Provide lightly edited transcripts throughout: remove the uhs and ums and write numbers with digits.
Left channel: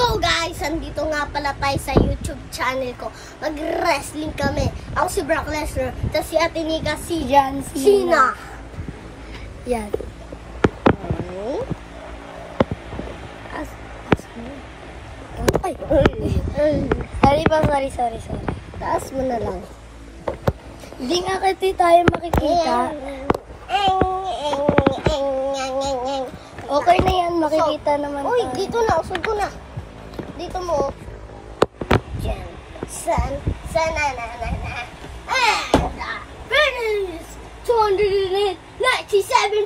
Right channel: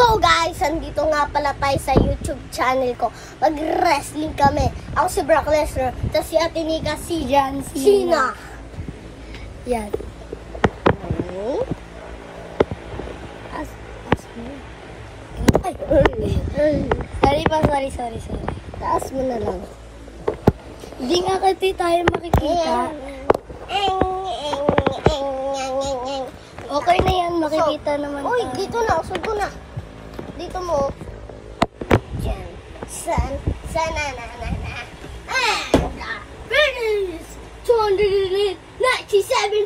So guys, andito nga pala tayo sa YouTube channel ko. Mag-wrestling kami. Ako si Brock Lesnar, tapos si Ate Nika, si John Cena. Yan. Ay. Sorry. Taas mo na lang. Hindi nga kasi tayo makikita. Okay na yan, makikita naman Uy, tayo. dito na, sugo na. Dito mo. Diyan. Sana. And finish 297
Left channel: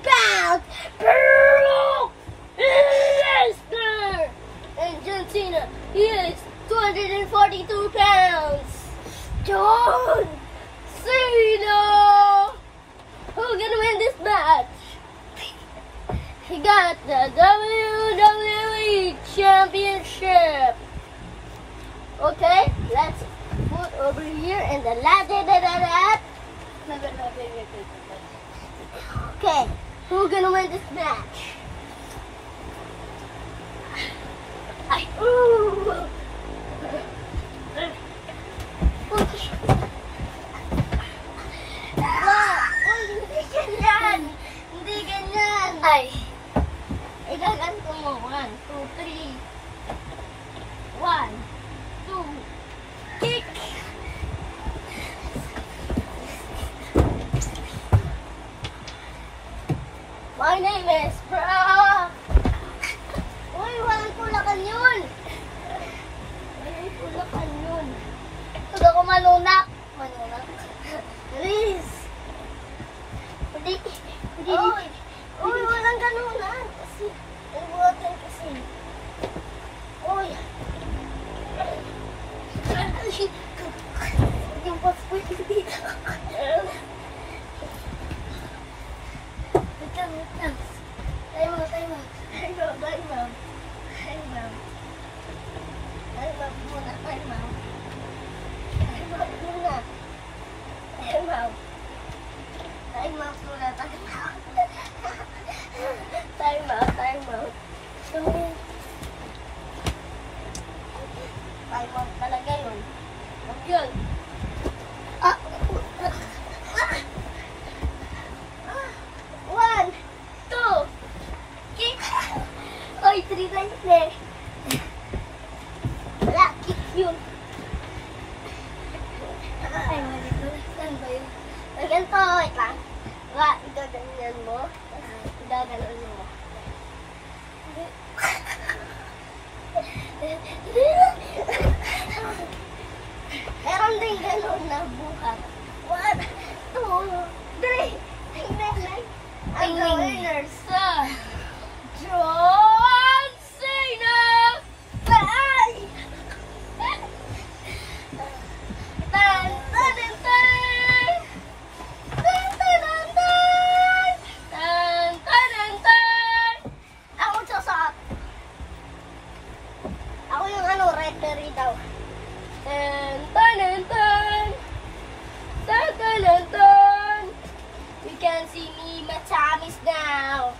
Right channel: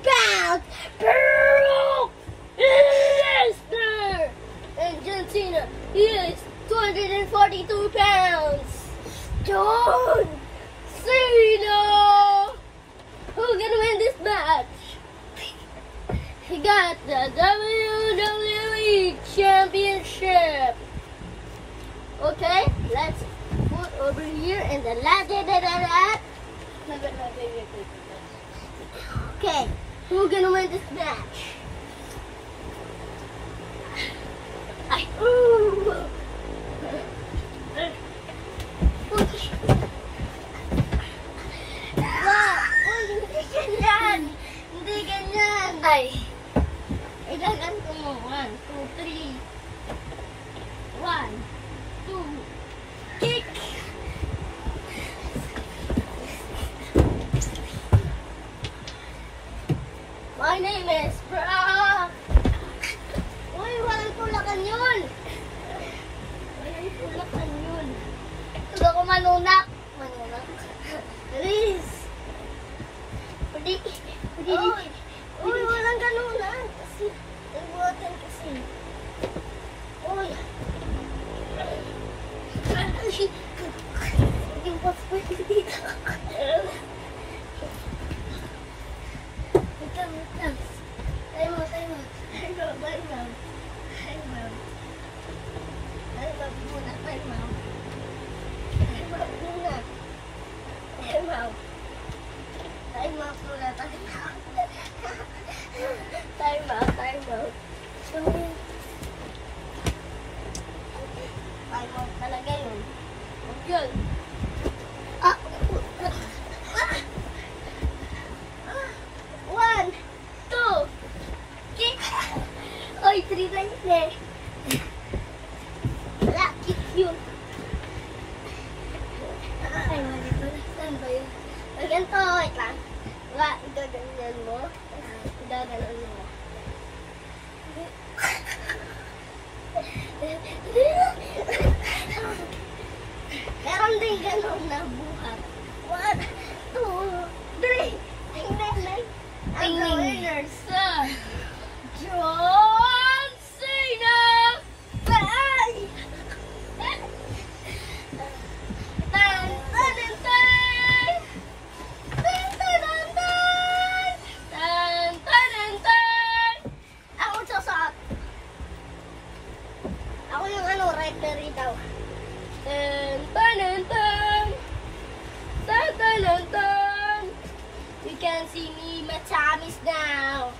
pounds. Brock Lesnar. And John Cena, he is 242 pounds. John Cena. Who's gonna win this match? He got the WWE Championship. Okay, let's put over here and the Okay, who's gonna win this match? Hindi ganyan. Ay. Igaganto mo. 1, 2, 3. 1, 2. Kick. My name is Brock. Uy, walang tulakan yun. Walang tulakan yun. Huwag ako manunak. Please. Uy, walang ganunan. Kasi, nagbuhatan kasi. Uy. Yung paspoy dito. Wait lang. Time out muna. Time out. Time out talaga yun. Huwag yun. One, two, kick. Oy, 3 times na eh. Wala, kick yun. Ay, malito. Saan ba yun? Ganito, wait lang. Gaganyan mo. Gaganon mo. Meron din ganon na buhat. 1, 2, 3. Ang winner sa John Cena. Bye! Ako sasakot. Ako yung referee daw. We can see me, my time is now.